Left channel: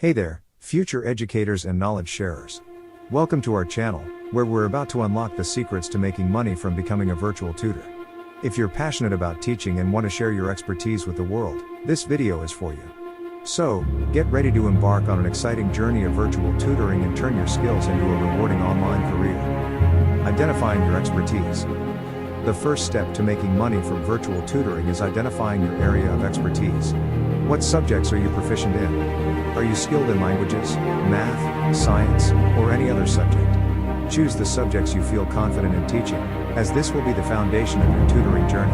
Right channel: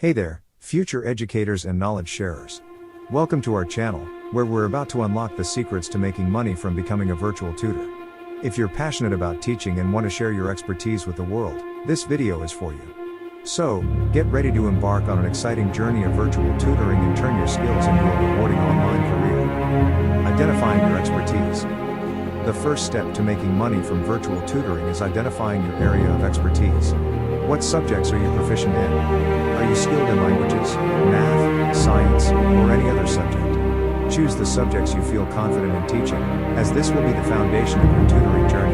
Hey there, future educators and knowledge sharers. Welcome to our channel, where we're about to unlock the secrets to making money from becoming a virtual tutor. If you're passionate about teaching and want to share your expertise with the world, this video is for you. So, get ready to embark on an exciting journey of virtual tutoring and turn your skills into a rewarding online career. Identifying your expertise. The first step to making money from virtual tutoring is identifying your area of expertise. What subjects are you proficient in? Are you skilled in languages, math, science, or any other subject? Choose the subjects you feel confident in teaching, as this will be the foundation of your tutoring journey.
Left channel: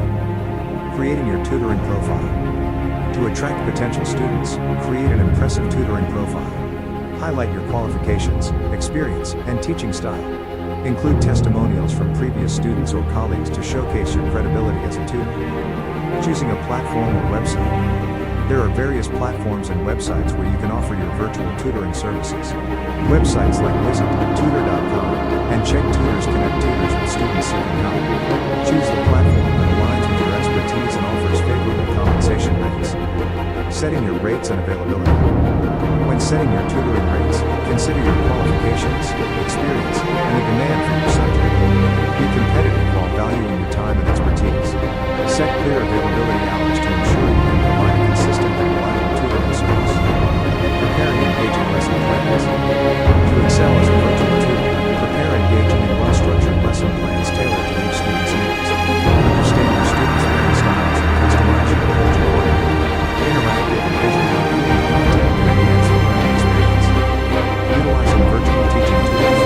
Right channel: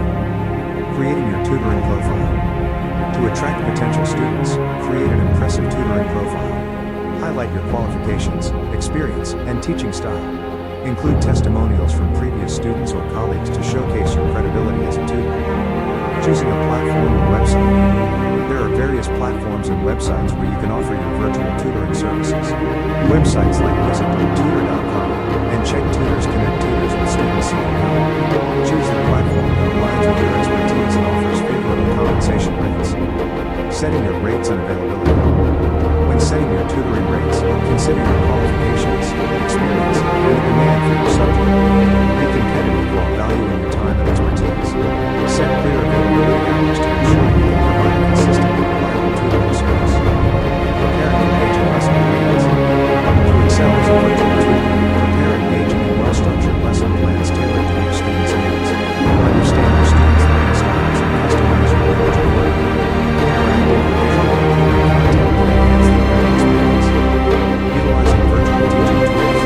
Creating your tutoring profile. To attract potential students, create an impressive tutoring profile. Highlight your qualifications, experience, and teaching style. Include testimonials from previous students or colleagues to showcase your credibility as a tutor. Choosing a platform or website. There are various platforms and websites where you can offer your virtual tutoring services. Websites like Visit Tutor.com and Check Tutors connect tutors with students seeking help. Choose the platform that aligns with your expertise and offers favorable compensation rates. Setting your rates and availability. When setting your tutoring rates, consider your qualifications, experience, and the demand for your subject. Be competitive while valuing your time and expertise. Set clear availability hours to ensure you can provide a consistent and reliable tutoring service. Preparing engaging lesson plans. To excel as a virtual tutor, prepare engaging and well-structured lesson plans tailored to each student's needs. Understand your students' learning styles and customize your approach accordingly. Interactive and visually appealing content can enhance the learning experience. Utilizing virtual teaching tools.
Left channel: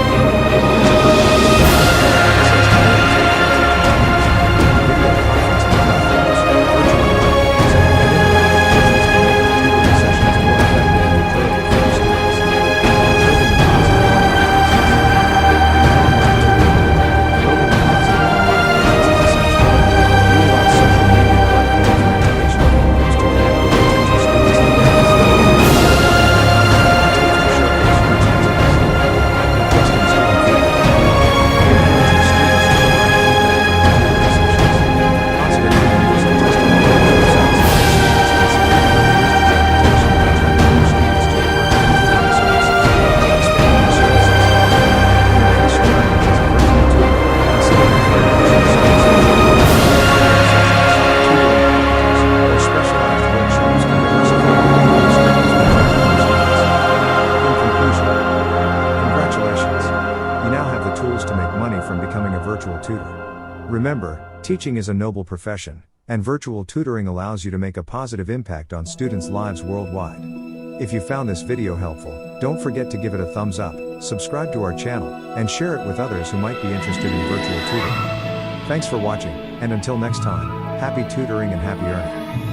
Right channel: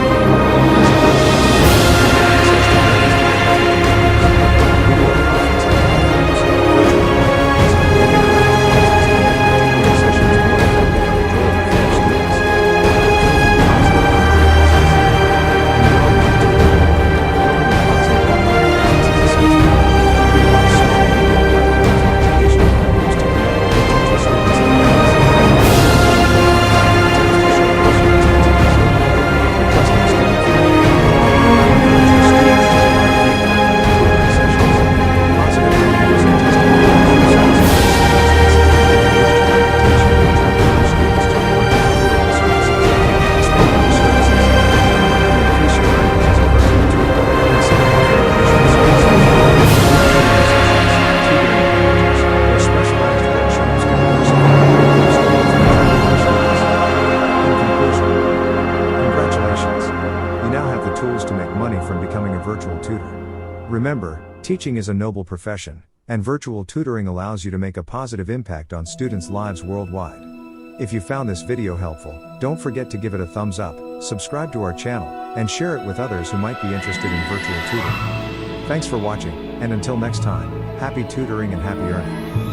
As a virtual tutor, you have access to various virtual teaching tools. Video conferencing platforms, virtual whiteboards, and interactive quizzes can make your tutoring sessions more effective and enjoyable for your students. Building a positive online presence. In the online tutoring world, building a positive online presence is essential. Utilize social media platforms and educational forums to connect with potential students and parents. Share valuable content and tips to showcase your expertise. Requesting student feedback. Encourage your students to provide feedback on your tutoring sessions. Positive reviews and testimonials from satisfied students can significantly boost your reputation and attract new students to your virtual tutoring services. Expanding your services. To increase your earnings as a virtual tutor, consider offering additional services. Group tutoring sessions, tutoring packages, or specialized workshops can diversify your income streams and attract more students. In conclusion, congratulations! You now have the tools to make money from becoming a virtual tutor. Remember, teaching is a noble profession, and virtual tutoring allows you to make a positive impact on students' lives worldwide. If you found this video helpful, don't forget to give it a thumbs up, subscribe to our channel, and share it with others who might be interested in virtual tutoring. Thanks for watching, and until next time, happy tutoring and happy earning.